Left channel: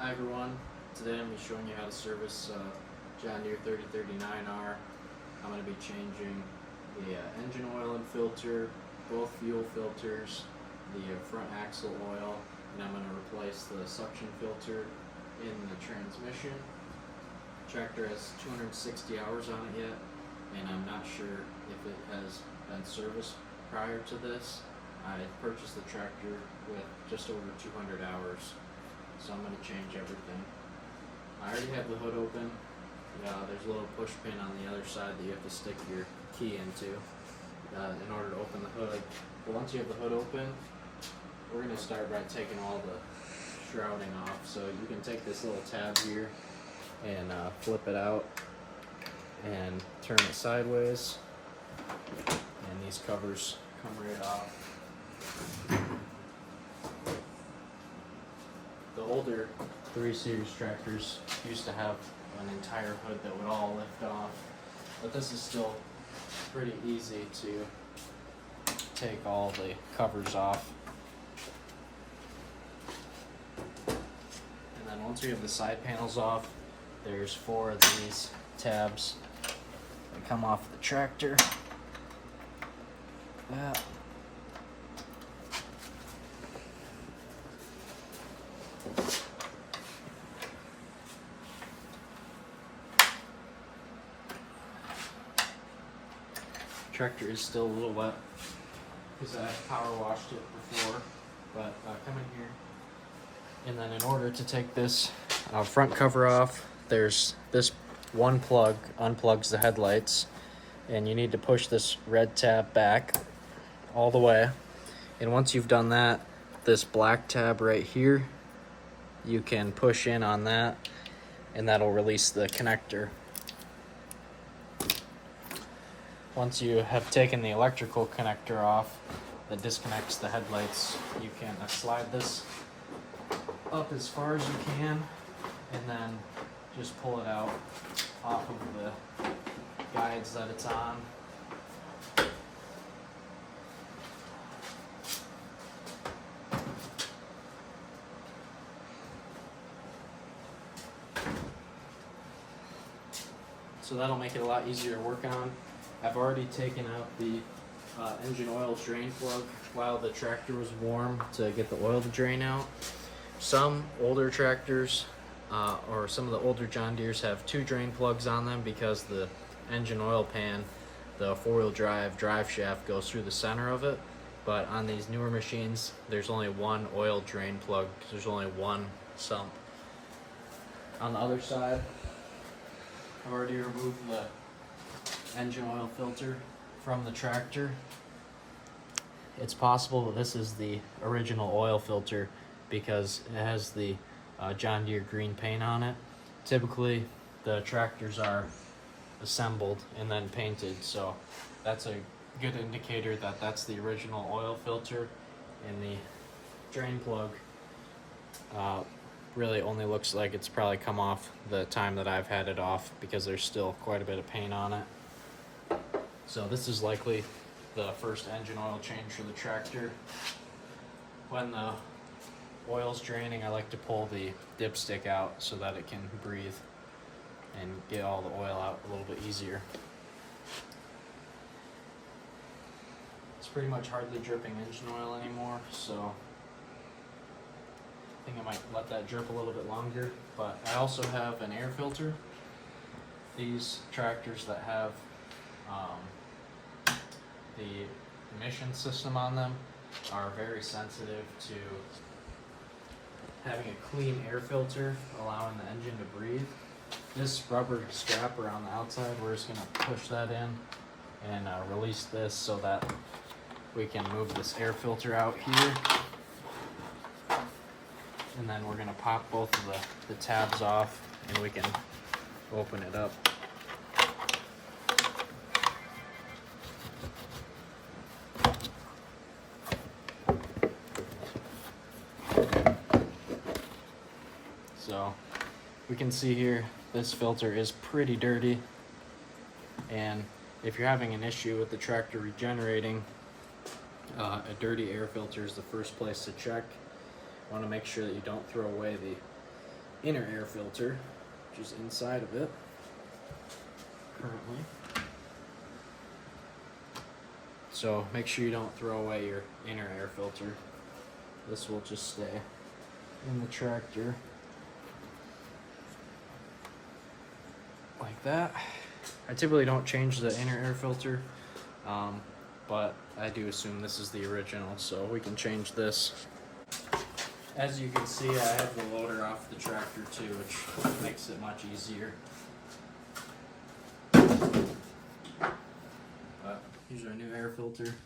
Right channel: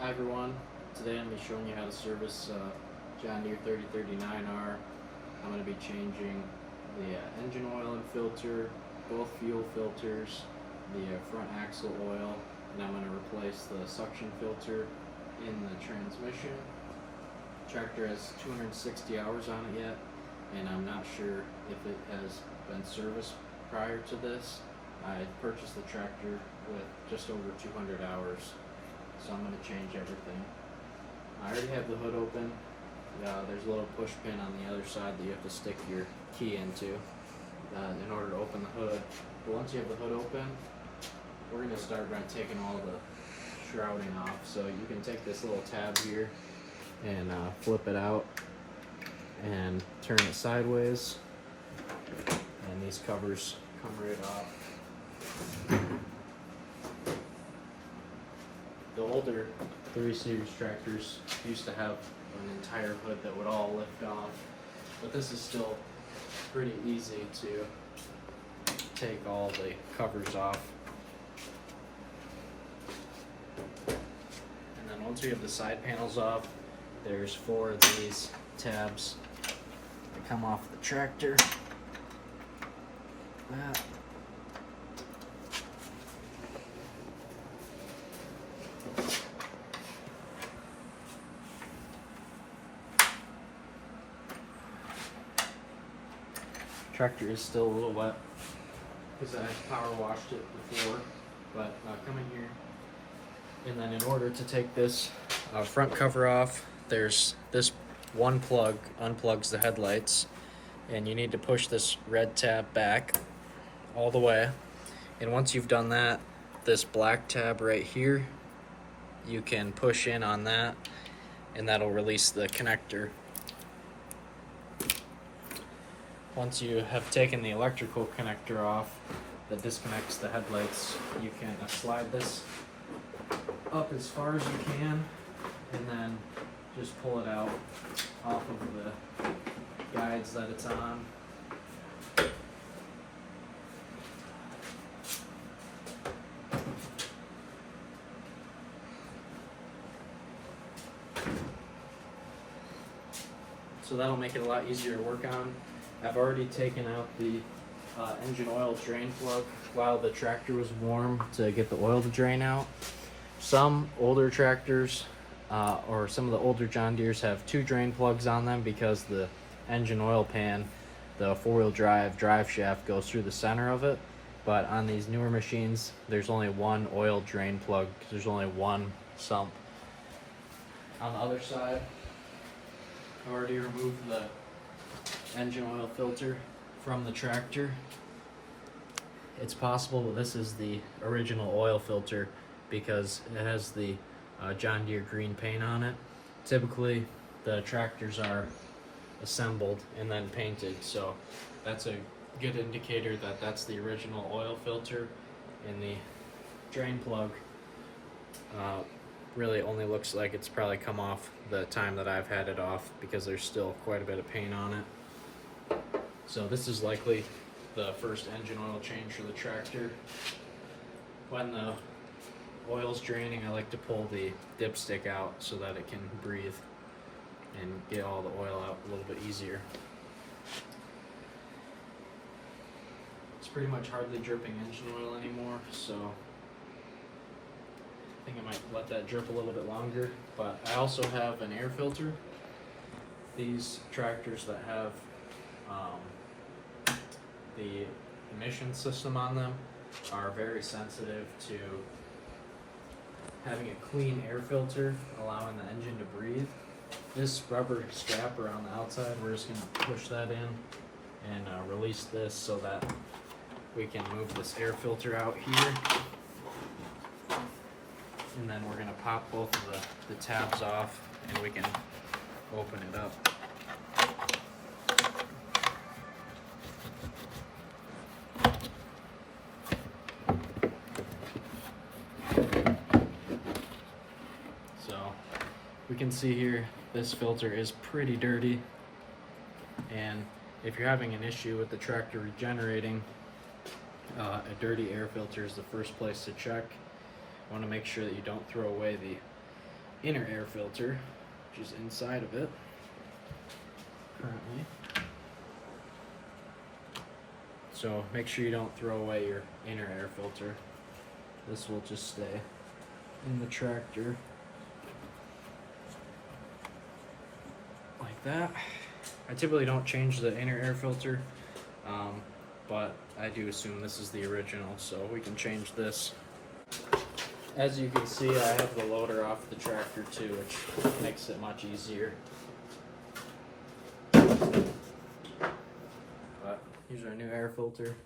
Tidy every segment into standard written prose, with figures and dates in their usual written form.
Hi everyone, today I'm going to be showing you how to service John Deere 3039R. I'm going to be changing the engine oil and filter, both fuel filters, the front axle oil, and I'm going to replace the suction filter in the transmission. The tractor has 260 hours on it yet, and I'm not sure if it has been serviced prior to this. I purchased the tractor with just over 200 hours. So I'm going to change everything. I already have the hood open. There's a little push pin on the other side that you have to stick your key into in order to open the hood. But once you have the hood open, we're going to start by taking all the shrouding off. So you can take this little tab here and flip it out and turn it sideways, and these covers come right off. The older 3 Series tractors used to have an entire hood that would all lift off, but this is still pretty easy to take all the covers off. And then once we have the side panels off, there's 4 of these tabs that come off the tractor. That. Tractor is still a little wet because I power washed it before, but come in here, and then in order to take this front cover off, there's this one plug unplugs the headlights, and you need to push this red tab back all the way, and once you've done that, this black tab right here, you can push in on that and that'll release the connector. Once you have taken the electrical connector off that disconnects the headlights, you can slide this up as far as you can and then just pull it out off of the guides that it's on. So that'll make it a lot easier to work on. I've already taken out the engine oil drain plug while the tractor was warm to get the oil to drain out. Some older tractors or some of the older John Deeres have 2 drain plugs on them because the engine oil pan, the 4-wheel drive shaft goes through the center of it. But on these newer machines, there's only 1 oil drain plug because there's only 1 sump. On the other side, I've already removed the engine oil filter from the tractor. It's possible that this is the original oil filter because it has the John Deere green paint on it. Typically the tractors are assembled and then painted, so that's a good indicator that that's the original oil filter, and the drain plug really only looks like it's probably come off the time that I've had it off because there's still quite a bit of paint on it. So this is likely the first engine oil change for the tractor. When the oil's draining, I like to pull the dipstick out so that it can breathe and get all the oil out a little bit easier. It's pretty much hardly dripping engine oil anymore, so I think I might let that drip a little bit longer. But I also have an air filter. These tractors that have the emission system on them are very sensitive to having a clean air filter, allowing the engine to breathe. This rubber strap around the outside, we're just going to push that in and release this so that we can move this air filter out here. And then we're going to pop both of the tabs off and we can open it up. So we can see here this filter is pretty dirty, and if you're having an issue with the tractor regenerating, a dirty air filter is the first place to check. You want to make sure that you don't throw away the inner air filter, which is inside of it currently. So make sure you don't throw away your inner air filter. This will just stay in the tractor like that. I typically don't change the inner air filter, but I do assume this is the original, so we can change this. As you can see, I have the loader off the tractor too, which makes it much easier. But here's our new air filter.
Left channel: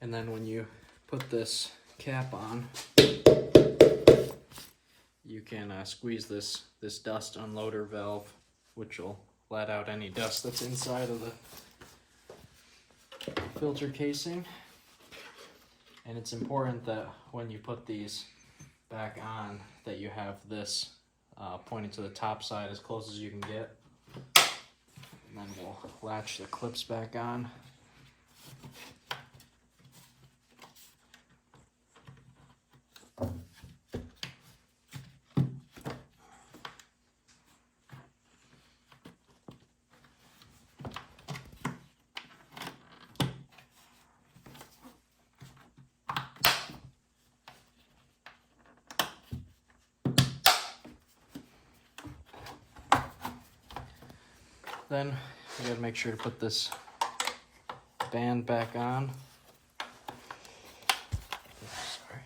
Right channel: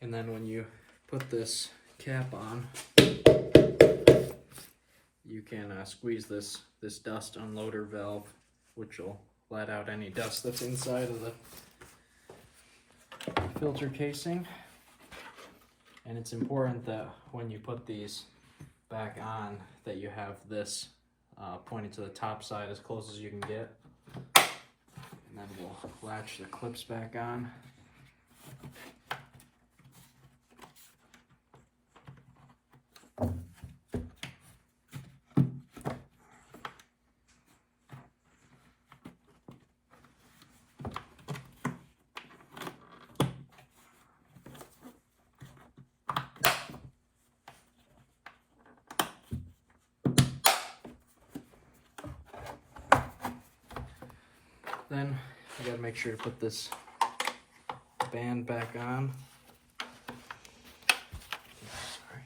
And then when you put this cap on, you can squeeze this dust unloader valve, which will let out any dust that's inside of the filter casing. And it's important that when you put these back on, that you have this pointing to the top side as close as you can get. And then we'll latch the clips back on. Then you gotta make sure to put this band back on. Sorry.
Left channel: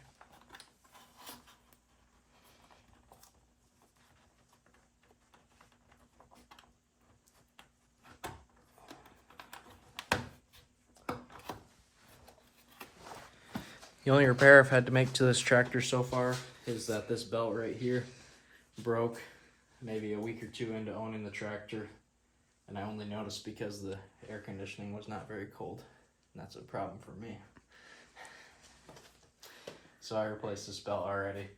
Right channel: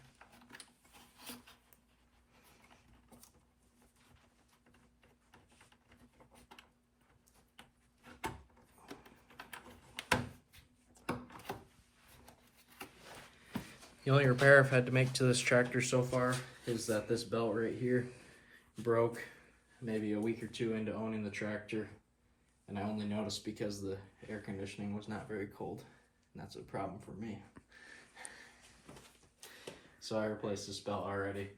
The only repair I've had to make to this tractor so far is that this belt right here broke maybe a week or two into owning the tractor. And I only noticed because the air conditioning was not very cold. And that's a problem for me. So I replaced this belt already.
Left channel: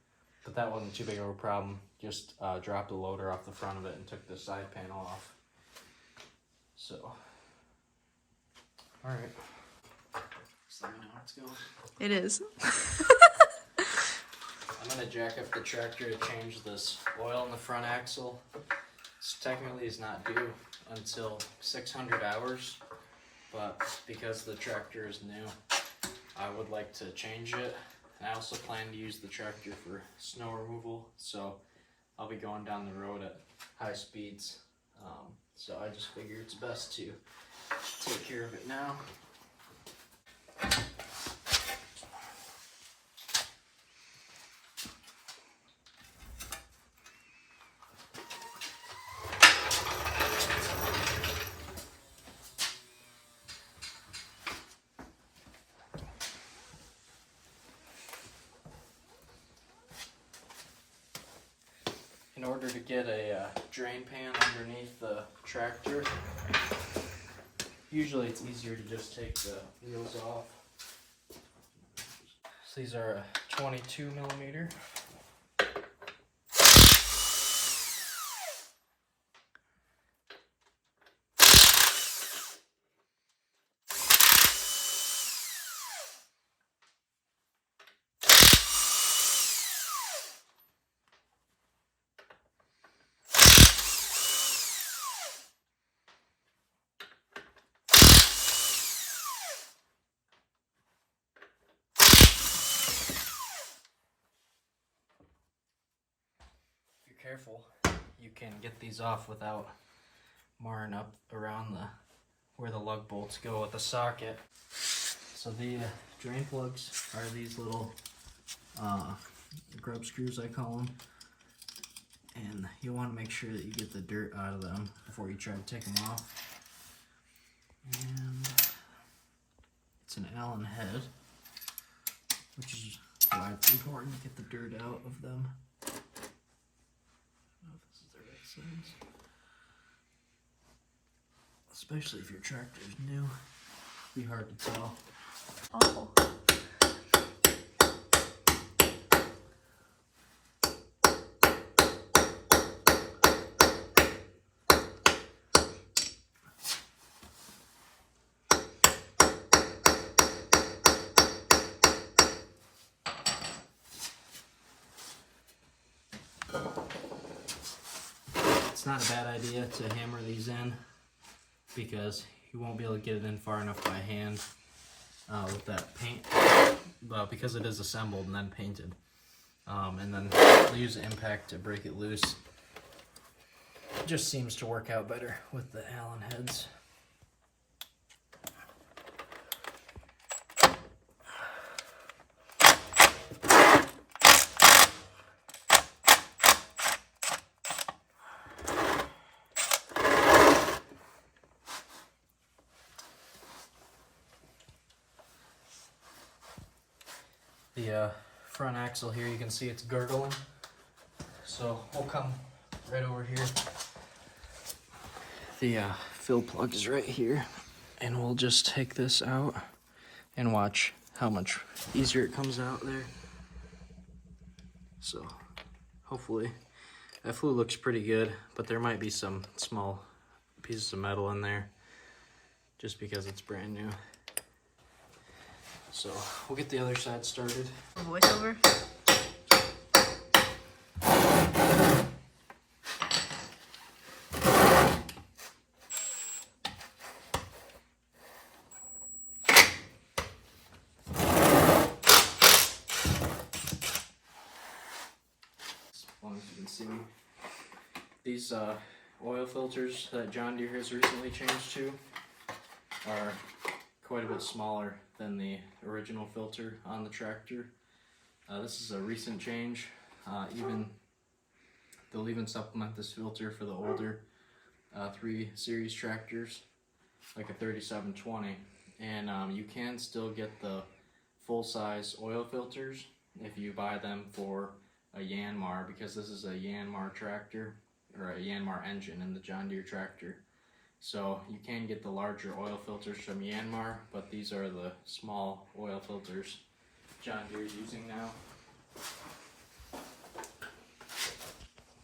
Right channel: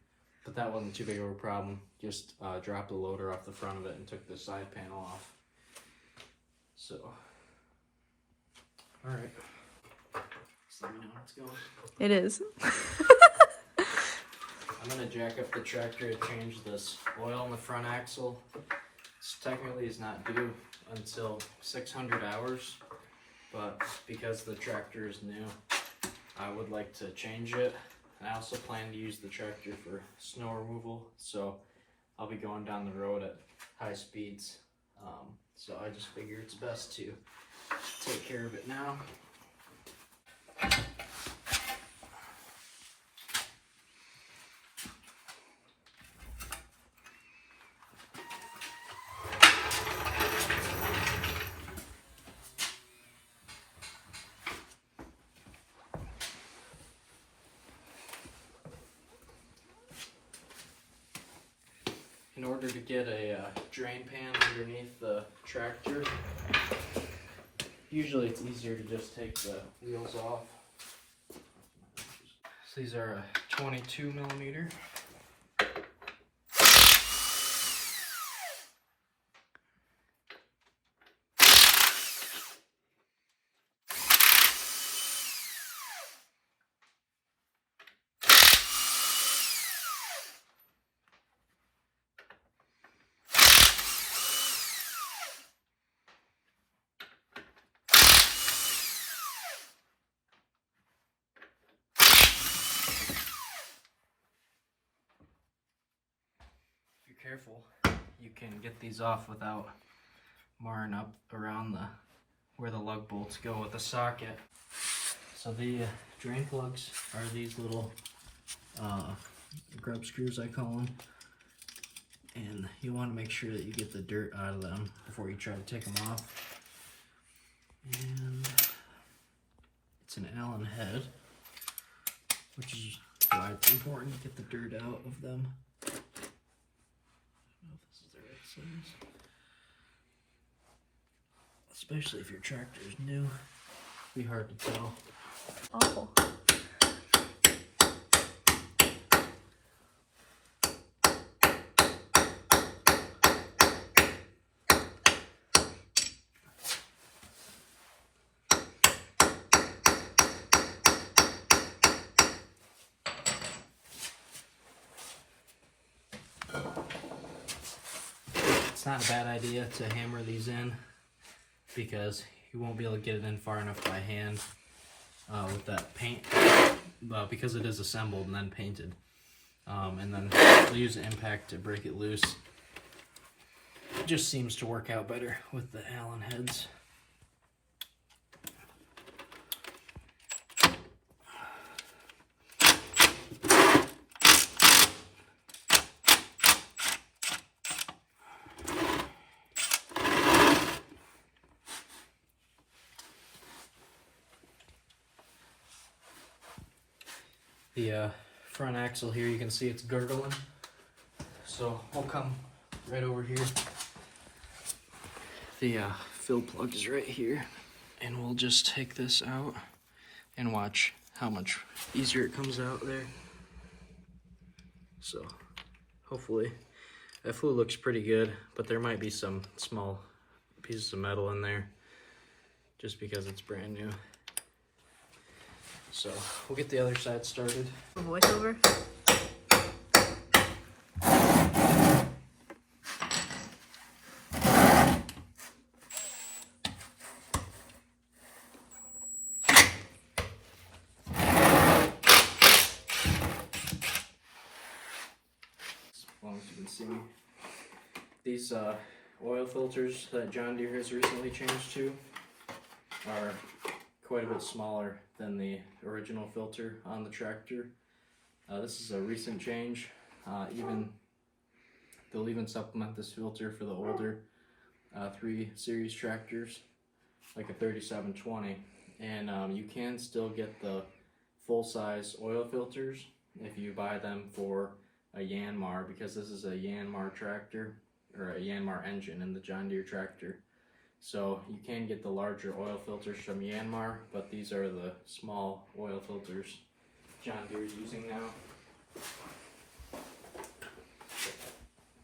But that wasn't too big of a problem. Just dropped the loader off the front of it and took the side panel off. So, alright. So let me know how it's going. It is. I'm going to jack up the tractor to change this oil in the front axle. This technically is not due until 600 hours, but because the tractor is new, I would like to change it. I also plan to use the tractor for snow removal, so I'll be going down the road at high speeds. So I just figure it's best to take care of it now. In order to get a drain pan underneath the tractor, usually it's easier to just take the wheels off. So these are a 22 millimeter. Careful, you can get these off without marring up around where the lug bolts go with the socket. So the drain plugs are these little grub screws, I call them, and you want to make sure that you get the dirt out of them before you try to take them off. And it's an Allen head, which is why it's important to get the dirt out of them. Size. Especially if your tractor is new, it'd be hard to tell. Oh. not a bad idea to hammer these in, because you won't be able to get it in far enough by hand with that paint, because it is assembled and then painted. And then we'll use the impact to break it loose. It just seems to work out better with the Allen heads. The front axle here, you can see it's girdling. So we'll come right over here. The fill plug is right here, and we'll just take this out and watch how much easier it comes out there. So hopefully that fluid looks pretty good, but there might be some small pieces of metal in there just because it's brand new. So we'll get the other side started. A voiceover. As long as you can see, these oil filters that John Deere has recently changed to are quite a bit smaller than the original filter on the tractor. This is a recent change. They'll even supplement this filter for the older 3 Series tractors, like a 3720, and you can still get the full-size oil filters if you buy them for a Yanmar, because this is a Yanmar tractor, or a Yanmar engine in the John Deere tractor. So you can get the larger oil filters from Yanmar, but these are the small oil filters John Deere is using now.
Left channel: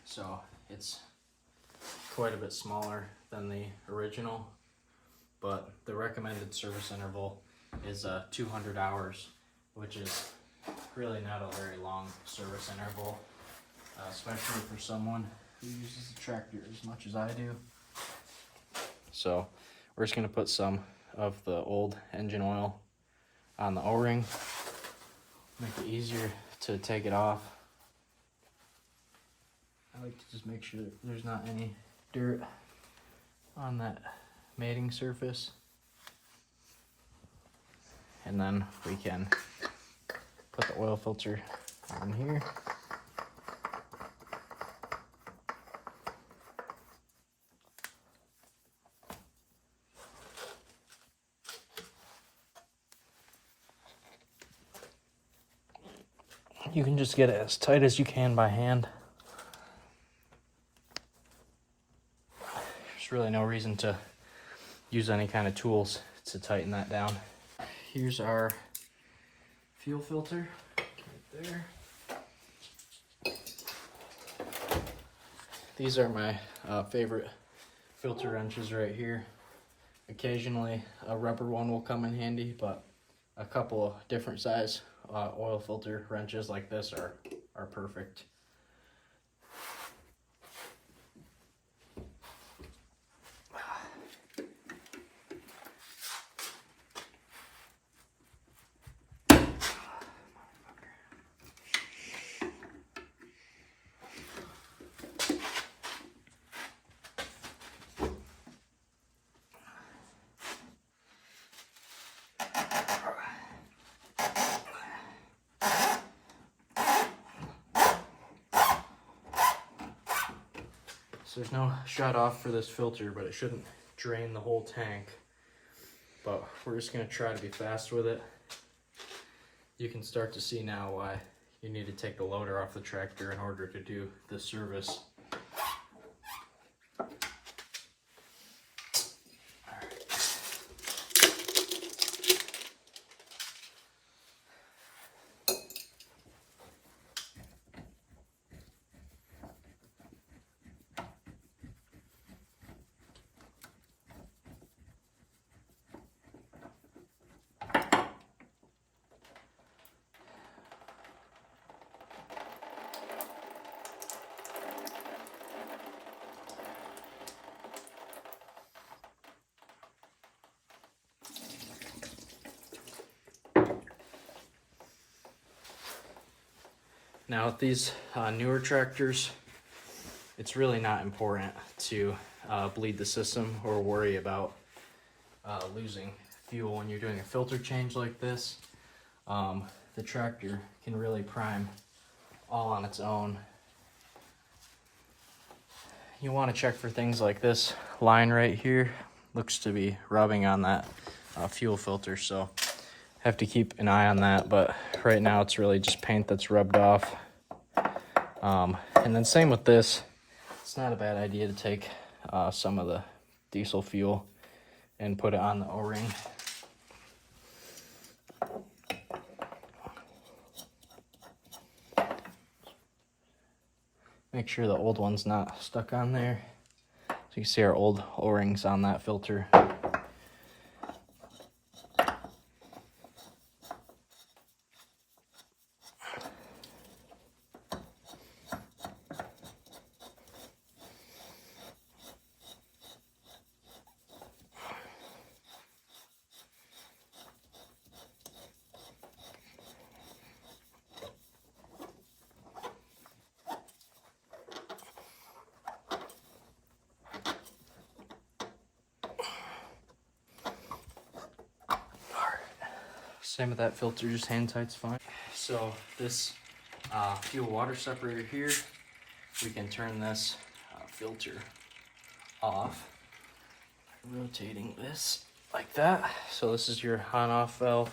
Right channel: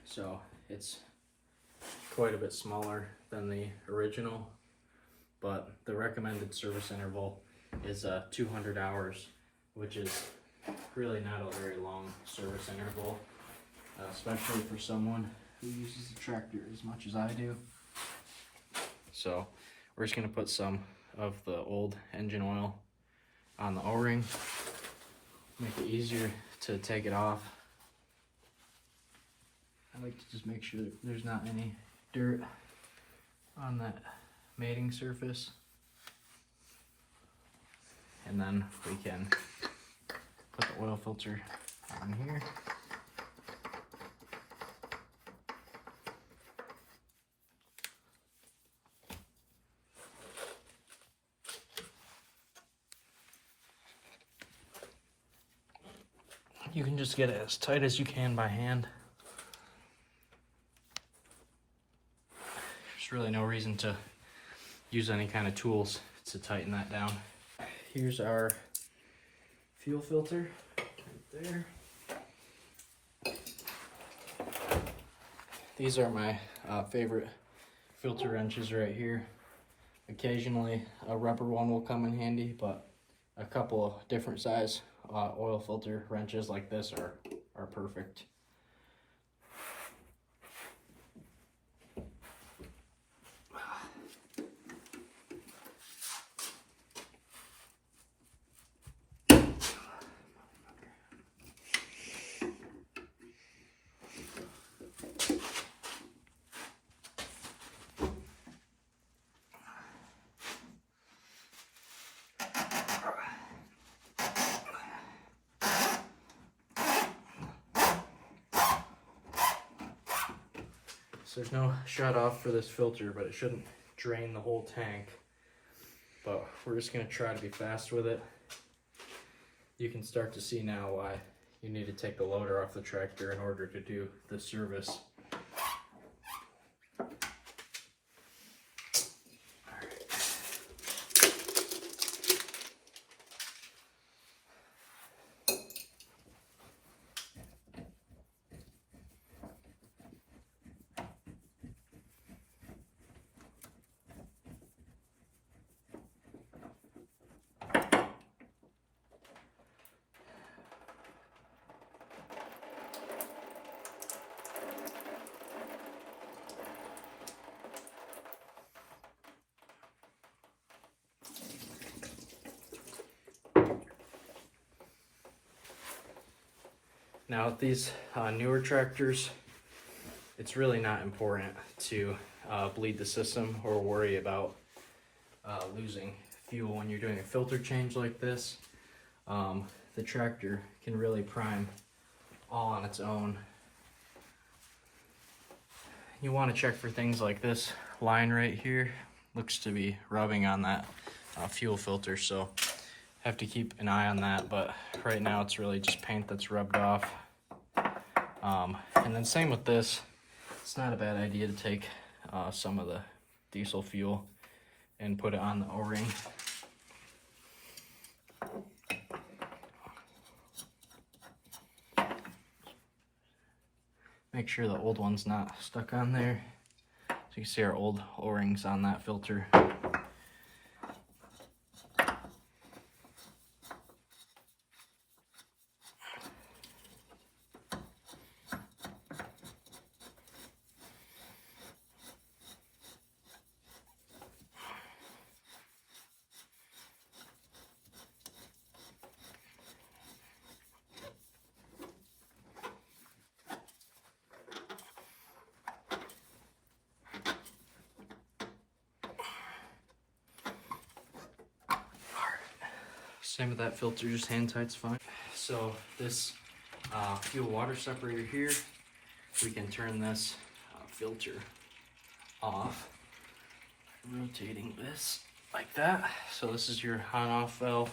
So it's quite a bit smaller than the original, but the recommended service interval is 200 hours, which is really not a very long service interval, especially for someone who uses the tractor as much as I do. So we're just going to put some of the old engine oil on the O-ring, make it easier to take it off. I like to just make sure that there's not any dirt on that mating surface. And then we can put the oil filter on here. You can just get it as tight as you can by hand. There's really no reason to use any kind of tools to tighten that down. Here's our fuel filter right there. These are my favorite filter wrenches right here. Occasionally a rubber one will come in handy, but a couple of different size oil filter wrenches like this are perfect. So there's no shut off for this filter, but it shouldn't drain the whole tank. But we're just going to try to be fast with it. You can start to see now why you need to take the loader off the tractor in order to do this service. Now with these newer tractors, it's really not important to bleed the system or worry about losing fuel when you're doing a filter change like this. The tractor can really prime all on its own. You want to check for things like this line right here. Looks to be rubbing on that fuel filter, so have to keep an eye on that, but right now it's really just paint that's rubbed off. And then same with this, it's not a bad idea to take some of the diesel fuel and put it on the O-ring. Make sure the old one's not stuck on there. So you can see our old O-rings on that filter. Same with that filter, just hand tight's fine. So this fuel water separator here, we can turn this filter off, rotating this like that. So this is your on-off valve,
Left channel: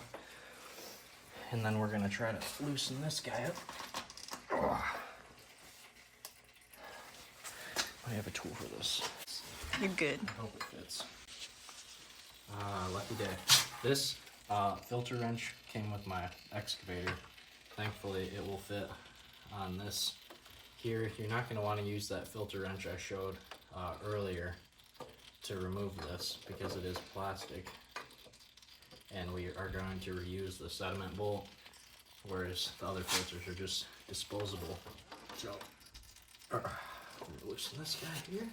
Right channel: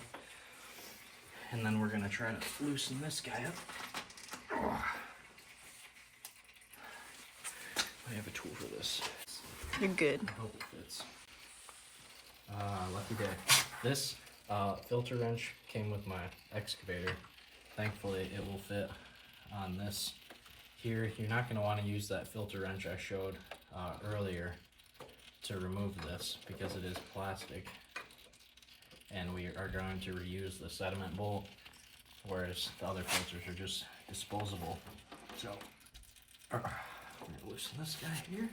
and then we're gonna try to loosen this guy up. I have a tool for this. You're good. I hope it fits. Lucky day. This filter wrench came with my excavator. Thankfully it will fit on this here. You're not going to want to use that filter wrench I showed earlier to remove this because it is plastic, and we are going to reuse the sediment bolt, whereas the other filters are just disposable. So I'm going to loosen this guy here,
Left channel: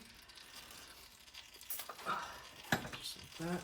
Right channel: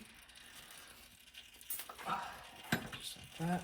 just like that.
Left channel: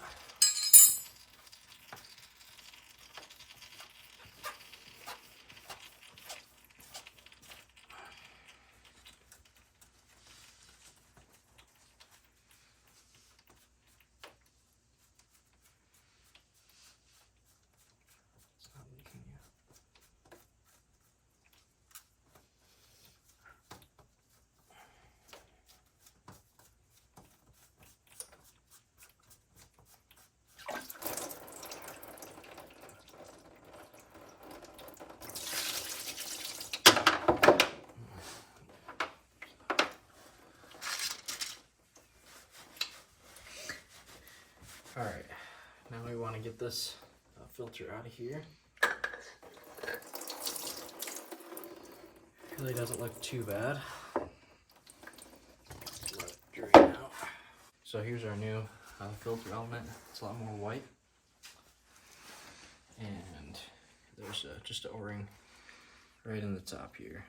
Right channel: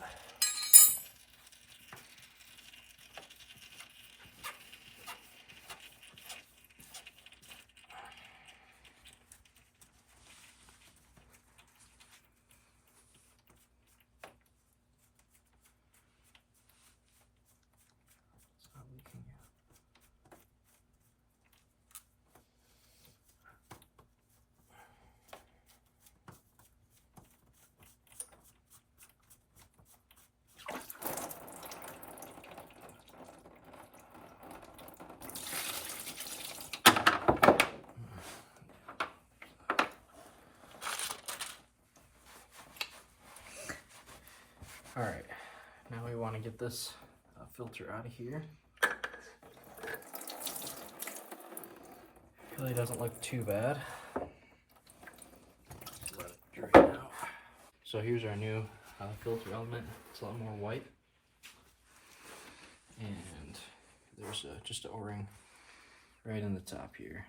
All right, now we want to get this filter out of here. Really doesn't look too bad. Let it drain out. So here's our new filter element. It's a lot more white, and there's just an O-ring right in the top here.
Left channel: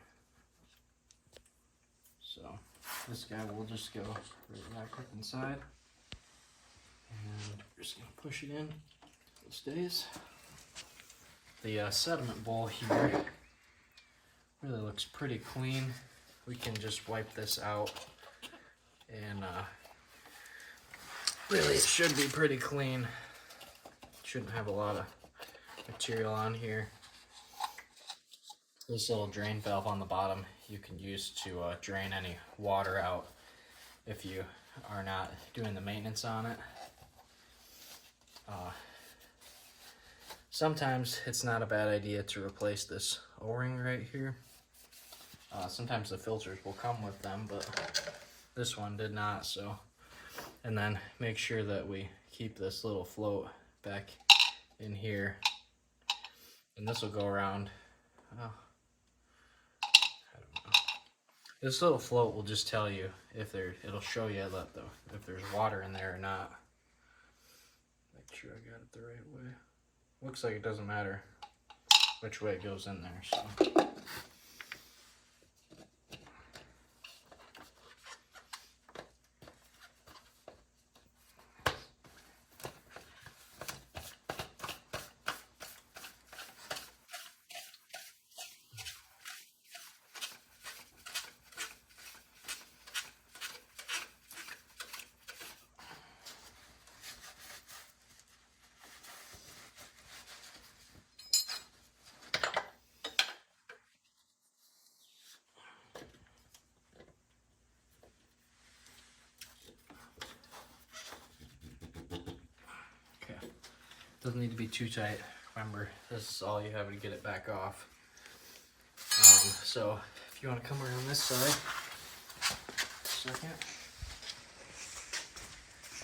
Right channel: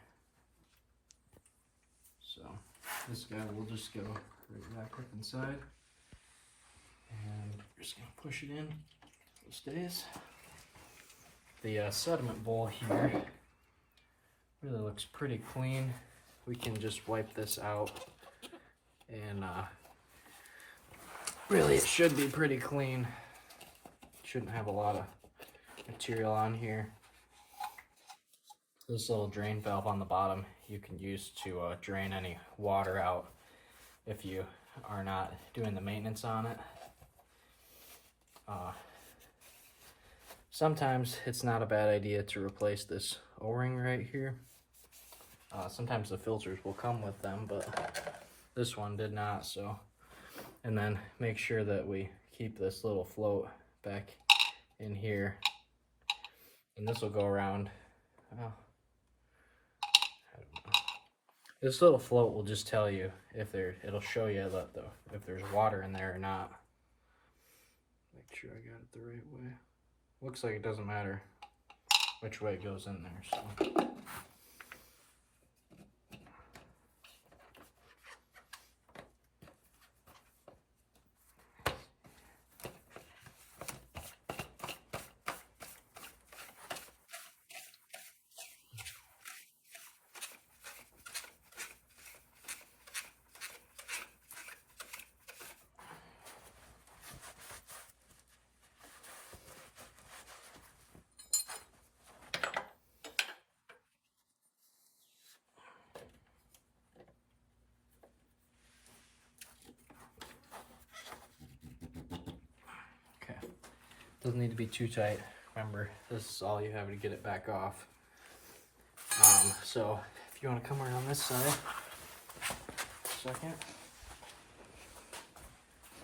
So this guy will just go right back up inside. And we're just going to push it in so it stays. The sediment bowl here really looks pretty clean. We can just wipe this out, and really it should be pretty clean. Shouldn't have a lot of material on here. This little drain valve on the bottom you can use to drain any water out if you are not doing the maintenance on it. Sometimes it's not a bad idea to replace this O-ring right here. Sometimes the filters will come with them, but this one did not. So, and then make sure that we keep this little float back in here, and this will go around. I don't know. This little float will just tell you if it'll show you that if there's water in there or not. Make sure I got it the right way. Looks like it doesn't matter which way it goes in there, so. Doesn't need to be too tight. Remember, this is all you have to get it back off. So if you want to come around this side, second,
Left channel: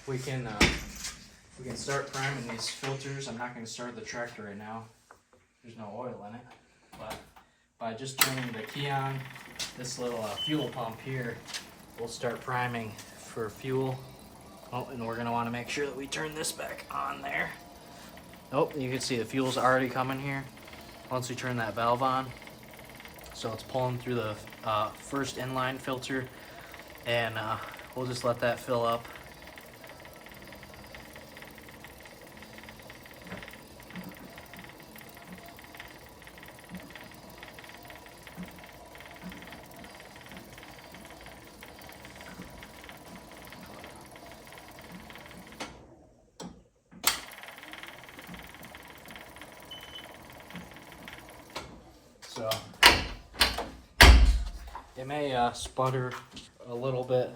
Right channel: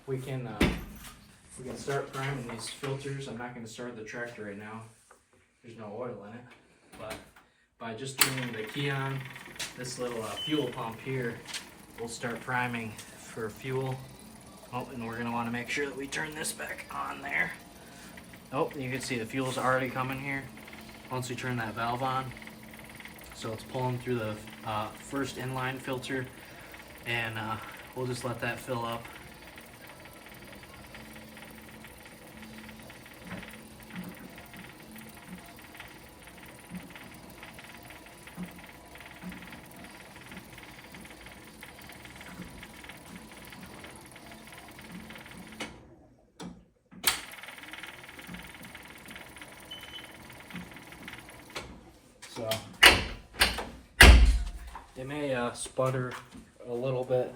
we can start priming these filters. I'm not going to start the tractor right now. There's no oil in it, but by just turning the key on, this little fuel pump here will start priming for fuel. Oh, and we're going to want to make sure that we turn this back on there. Oh, you can see the fuel's already coming here once we turn that valve on. So it's pulling through the first inline filter, and we'll just let that fill up. So it may sputter a little bit.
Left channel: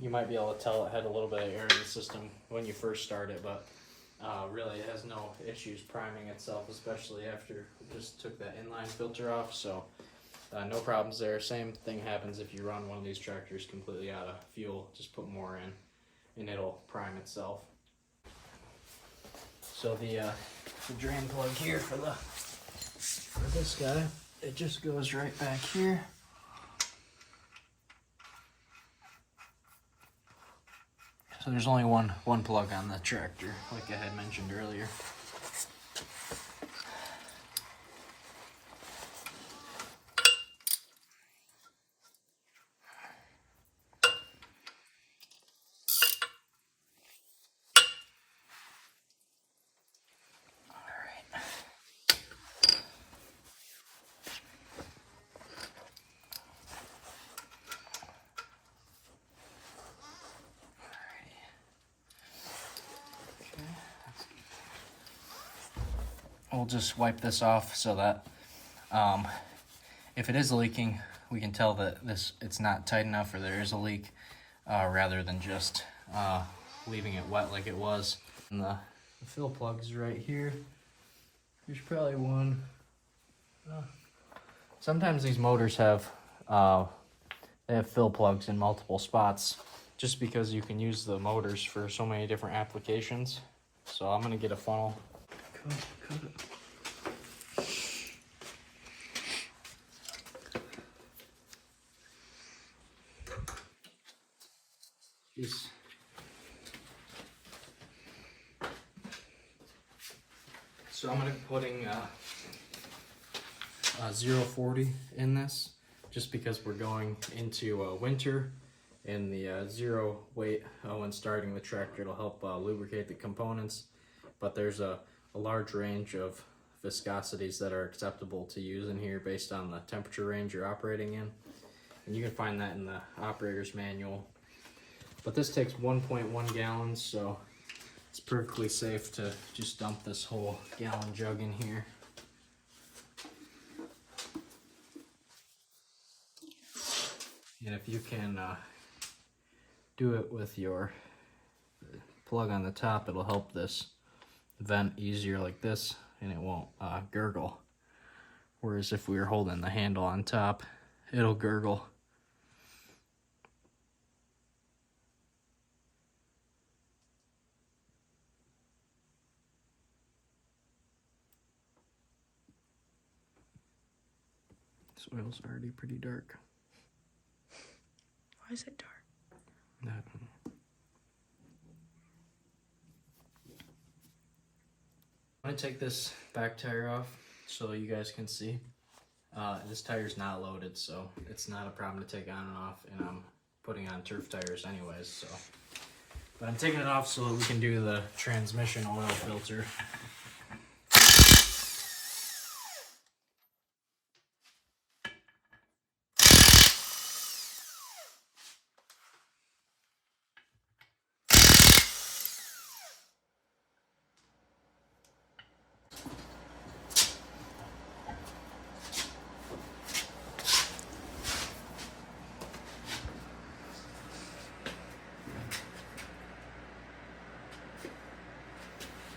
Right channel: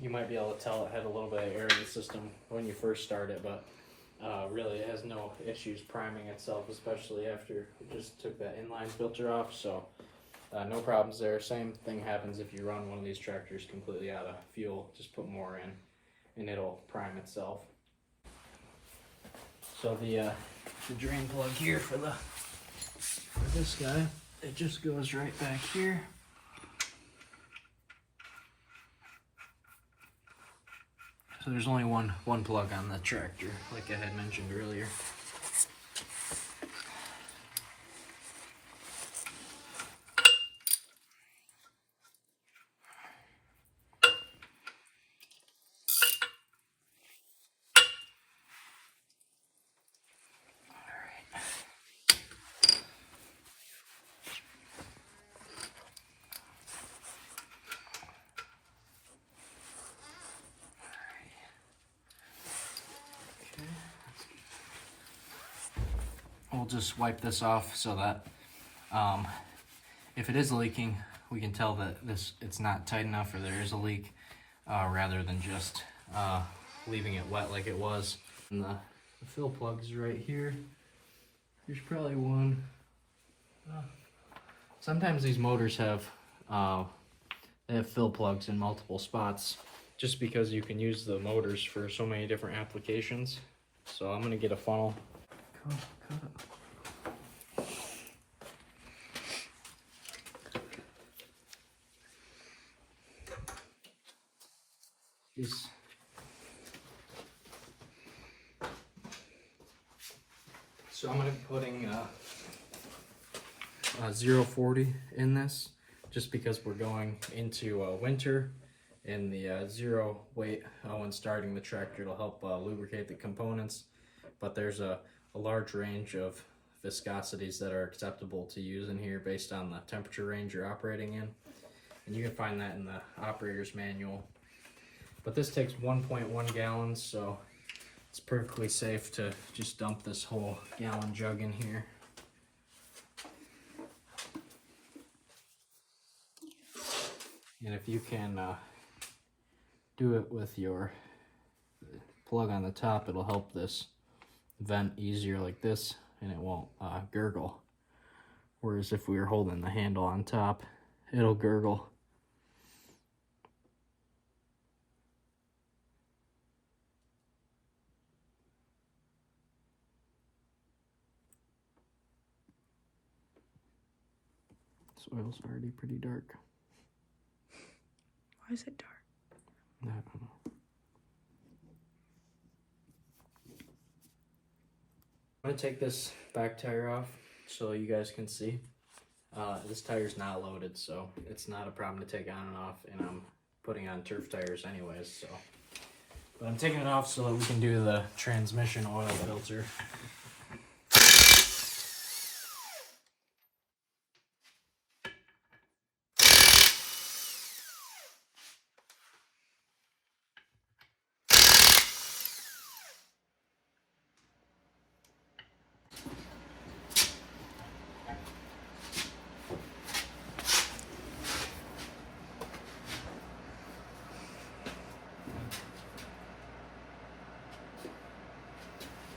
You might be able to tell it had a little bit of air in the system when you first start it, but really it has no issues priming itself, especially after we just took that inline filter off. So no problems there. Same thing happens if you run one of these tractors completely out of fuel. Just put more in and it'll prime itself. So the drain plug here for this guy, it just goes right back here. So there's only one plug on the tractor, like I had mentioned earlier. We'll just wipe this off so that if it is leaking, we can tell that it's not tight enough or there is a leak, rather than just leaving it wet like it was. And the fill plug is right here. There's probably one. Sometimes these motors have they have fill plugs in multiple spots, just because you can use the motors for so many different applications. So I'm gonna get a funnel. So I'm going to be putting 040 in this, just because we're going into winter, and the zero weight when starting the tractor will help lubricate the components. But there's a large range of viscosities that are acceptable to use in here based on the temperature range you're operating in, and you can find that in the operator's manual. But this takes 1.1 gallons, so it's perfectly safe to just dump this whole gallon jug in here. And if you can do it with your plug on the top, it'll help this vent easier like this, and it won't gurgle. Whereas if we were holding the handle on top, it'll gurgle. This oil's already pretty dark. Why is it dark? I don't know. I'm gonna take this back tire off so you guys can see. This tire's not loaded, so it's not a problem to take on and off, and I'm putting on turf tires anyways, so. But I'm taking it off so that we can do the transmission oil filter.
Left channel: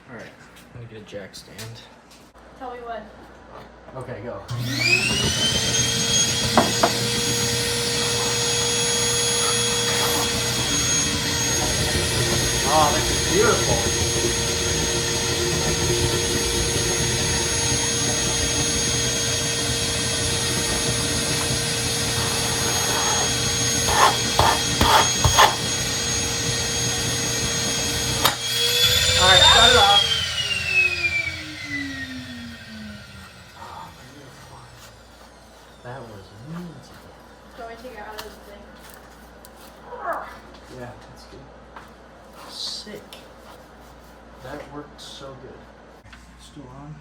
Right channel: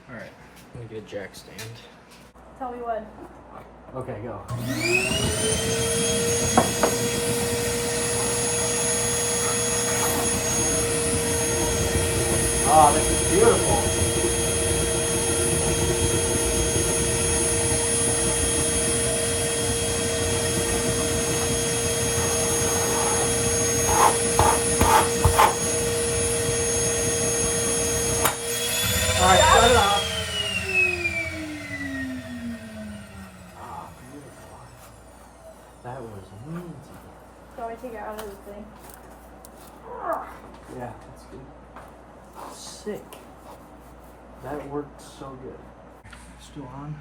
Alright, Let me get a jack stand. Tell me when. Okay, go. Oh, this is beautiful. Alright, shut it off. Ah, beautiful. That was amazing. So I take it out of the thing. Yeah, that's good. Sick. That worked so good. Still on?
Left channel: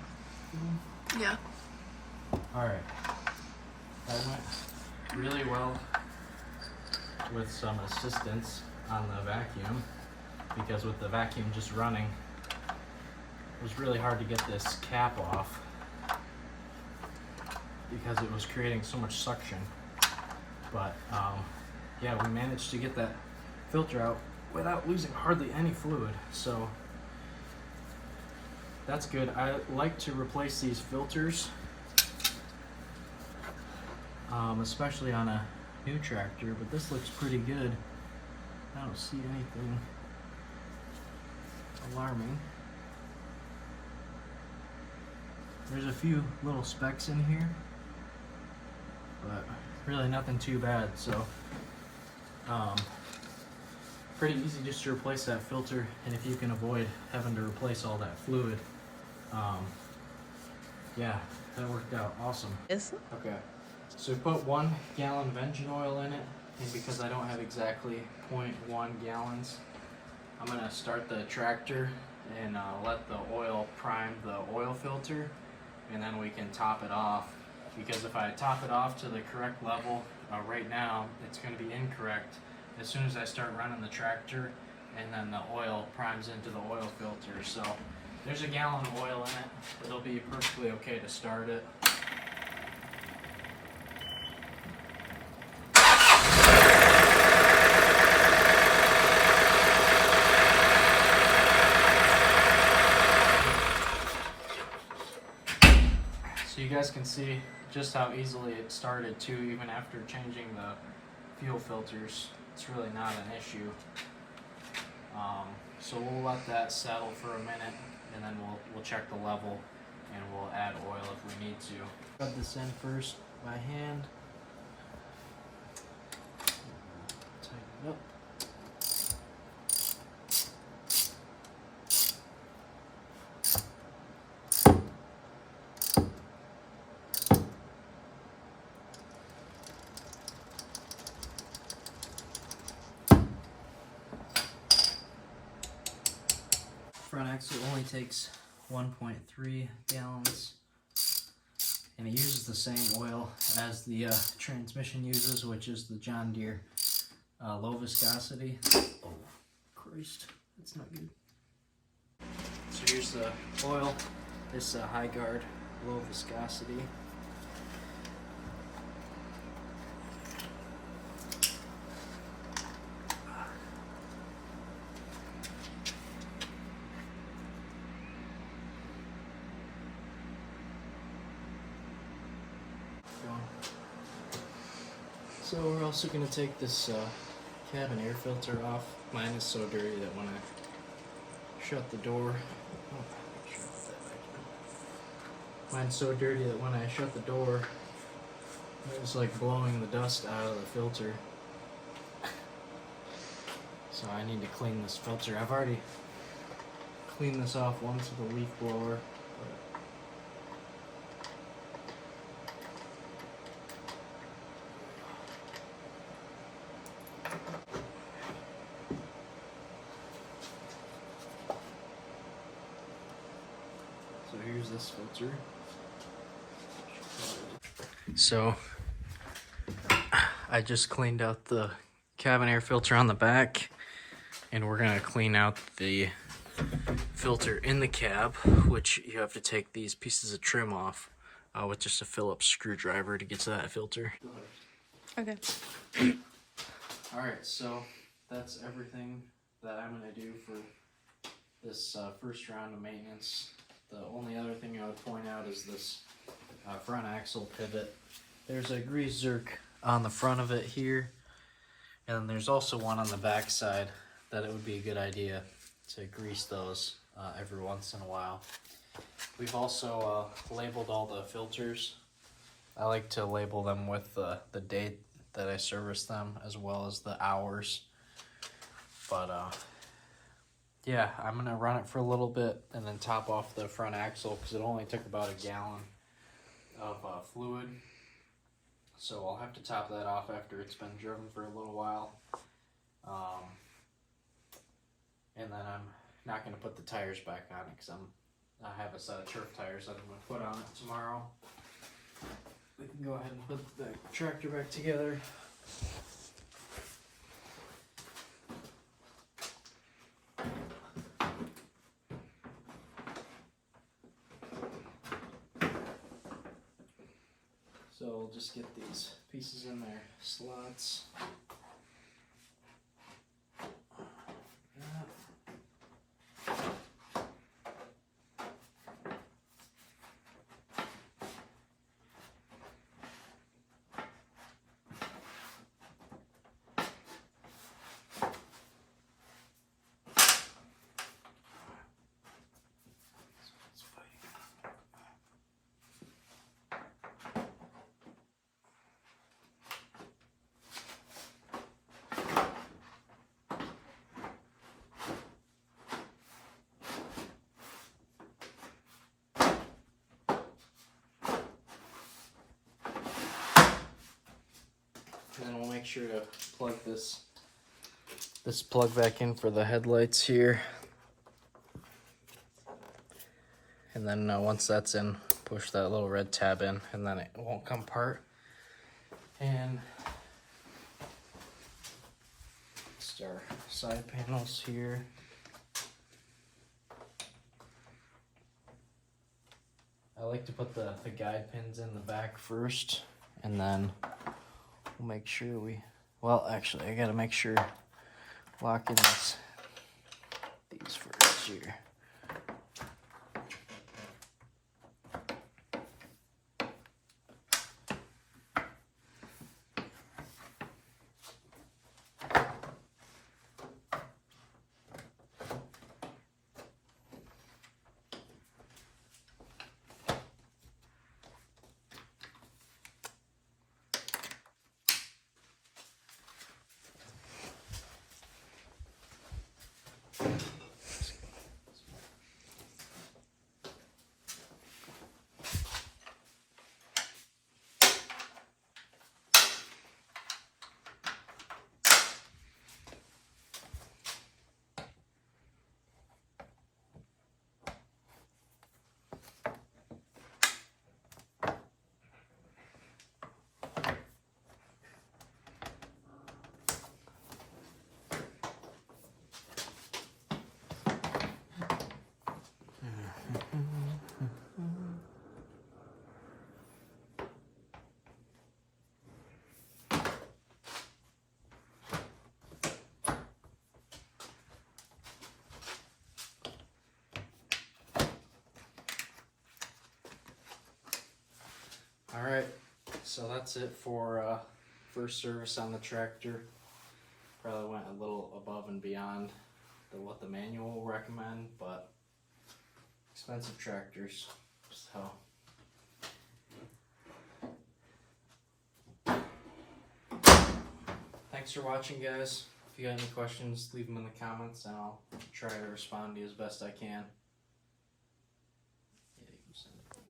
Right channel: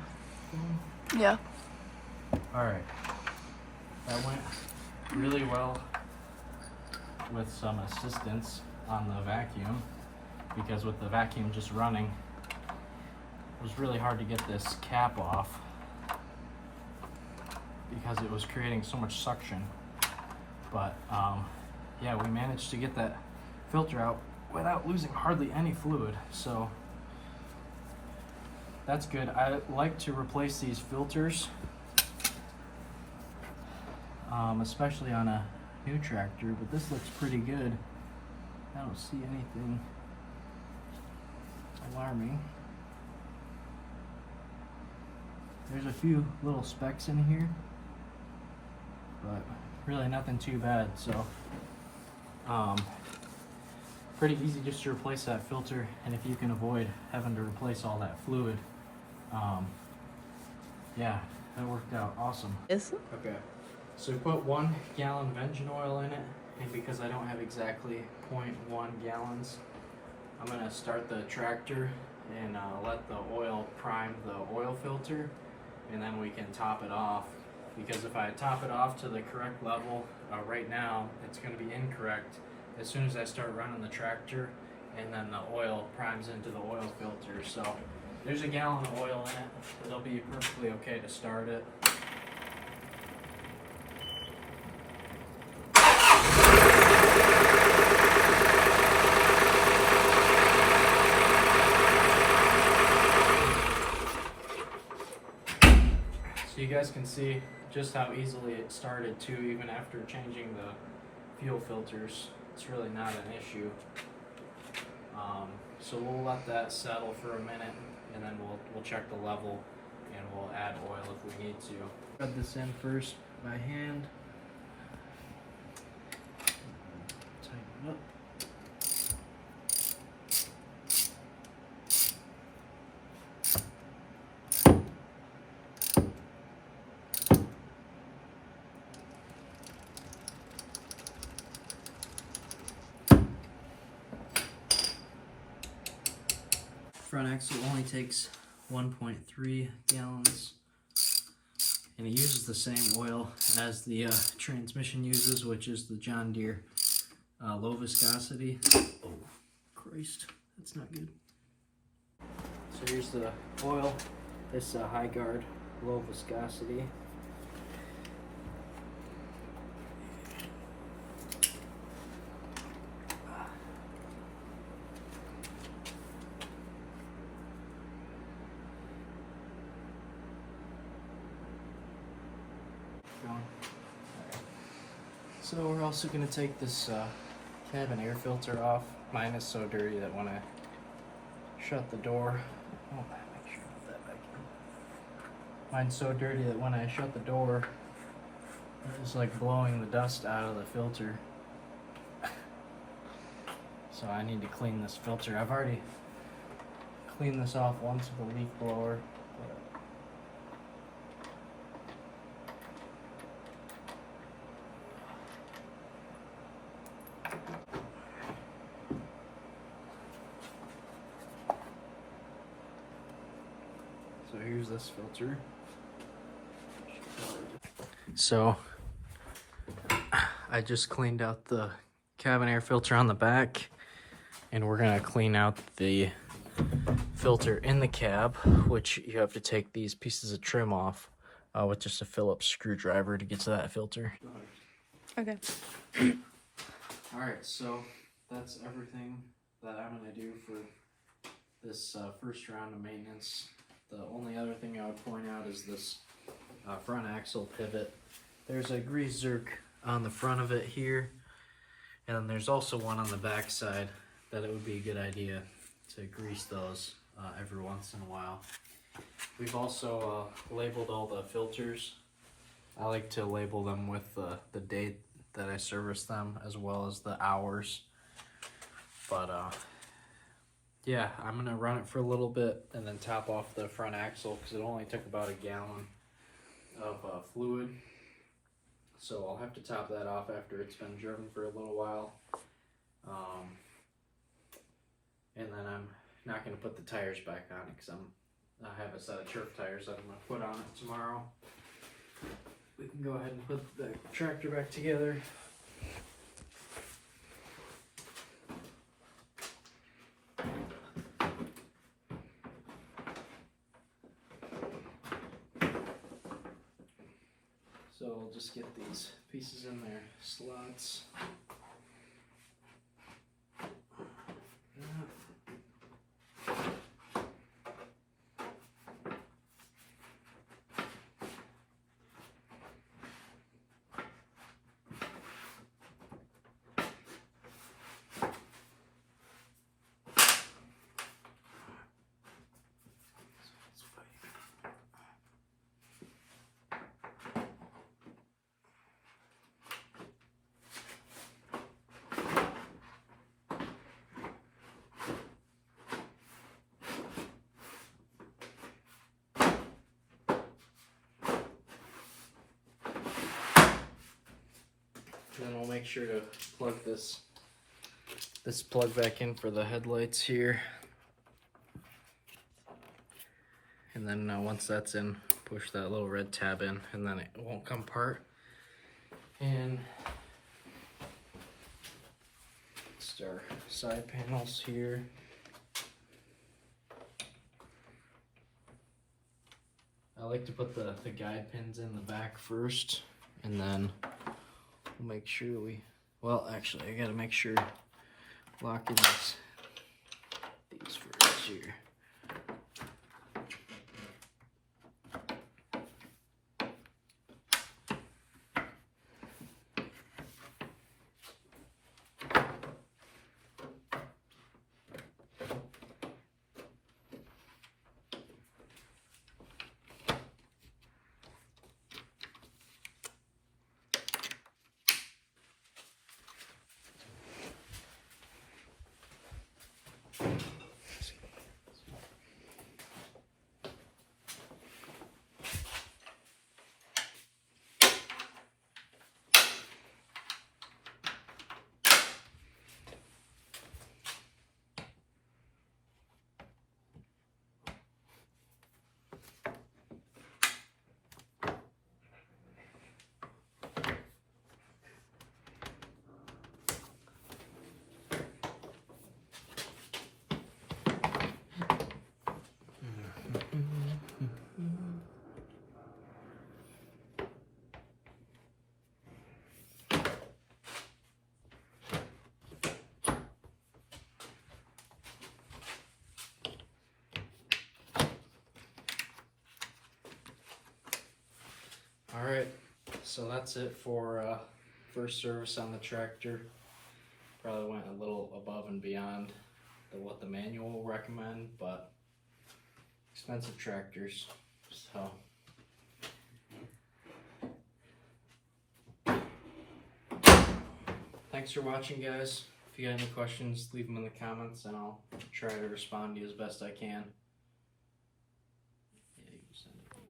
Yeah. Alright. That went really well with some assistance on the vacuum, because with the vacuum just running, it was really hard to get this cap off because it was creating so much suction. But yeah, we managed to get that filter out without losing hardly any fluid, so that's good. I like to replace these filters, especially on a new tractor, but this looks pretty good. I don't see anything alarming. There's a few little specks in here, but really nothing too bad. So pretty easy just to replace that filter, and if you can avoid having to replace all that fluid, yeah, that worked out awesome. Yes. Okay, so we put 1 gallon of engine oil in it, and because I don't have exactly 0.1 gallons, I'm gonna start the tractor and let the oil prime the oil filter, and then we can top it off. Because if I top it off to the correct level, right now it's going to be incorrect as soon as I start running the tractor, and then the oil primes into the oil filter. So there's a gallon of oil in it, but it'll be perfectly okay to start it. So you guys can see just how easily it started too, even after changing the fuel filters. It's really not an issue. So we'll let that settle for a minute, and then we'll check the level, and we'll add oil if we need to. Rub this in first by hand. Tighten it up. Front axle only takes 1.3 gallons, and it uses the same oil as the transmission uses, which is the John Deere low viscosity. Oh, Christ, that's not good. So here's the oil. This high guard low viscosity. So we're also going to take this cabin air filter off. Mine is so dirty that when I shut the door, make sure I put that back in. Mine's so dirty that when I shut the door, it's like blowing the dust out of the filter. So I need to clean this filter. I've already cleaned this off once with a leaf blower. So here's this filter. So I just cleaned out the cabin air filter on the back, and we're gonna clean out the filter in the cab, which you have to take these pieces of trim off with just a Phillips screwdriver to get to that filter. Okay. Alright, so that's everything that I'm gonna do for this first round of maintenance. The only other thing I would point out is this front axle pivot. There's a grease zerk on the front of it here, and then there's also one on the back side that it would be a good idea to grease those every once in a while. We've also labeled all the filters. I like to label them with the date that I service them as well as the hours. But yeah, I'm gonna run it for a little bit and then top off the front axle because it only took about a gallon of fluid. So I'll have to top that off after it's been driven for a little while. And then I'm not gonna put the tires back on it because I have a set of turf tires that I'm gonna put on it tomorrow. We can go ahead and put the tractor back together. So we'll just get these pieces in their slots. And then we'll make sure to plug this plug back in for the headlights here. And then once that's in, push that little red tab in, and then it won't come apart. And just our side panels here. I like to put the guide pins in the back first, and then we'll make sure actually I gotta make sure lock in these first here. Alright, so that's it for first service on the tractor. Probably went a little above and beyond what the manual will recommend, but expensive tractors, so. Thanks for watching, guys. If you got any questions, leave them in the comments and I'll try to respond to you as best I can.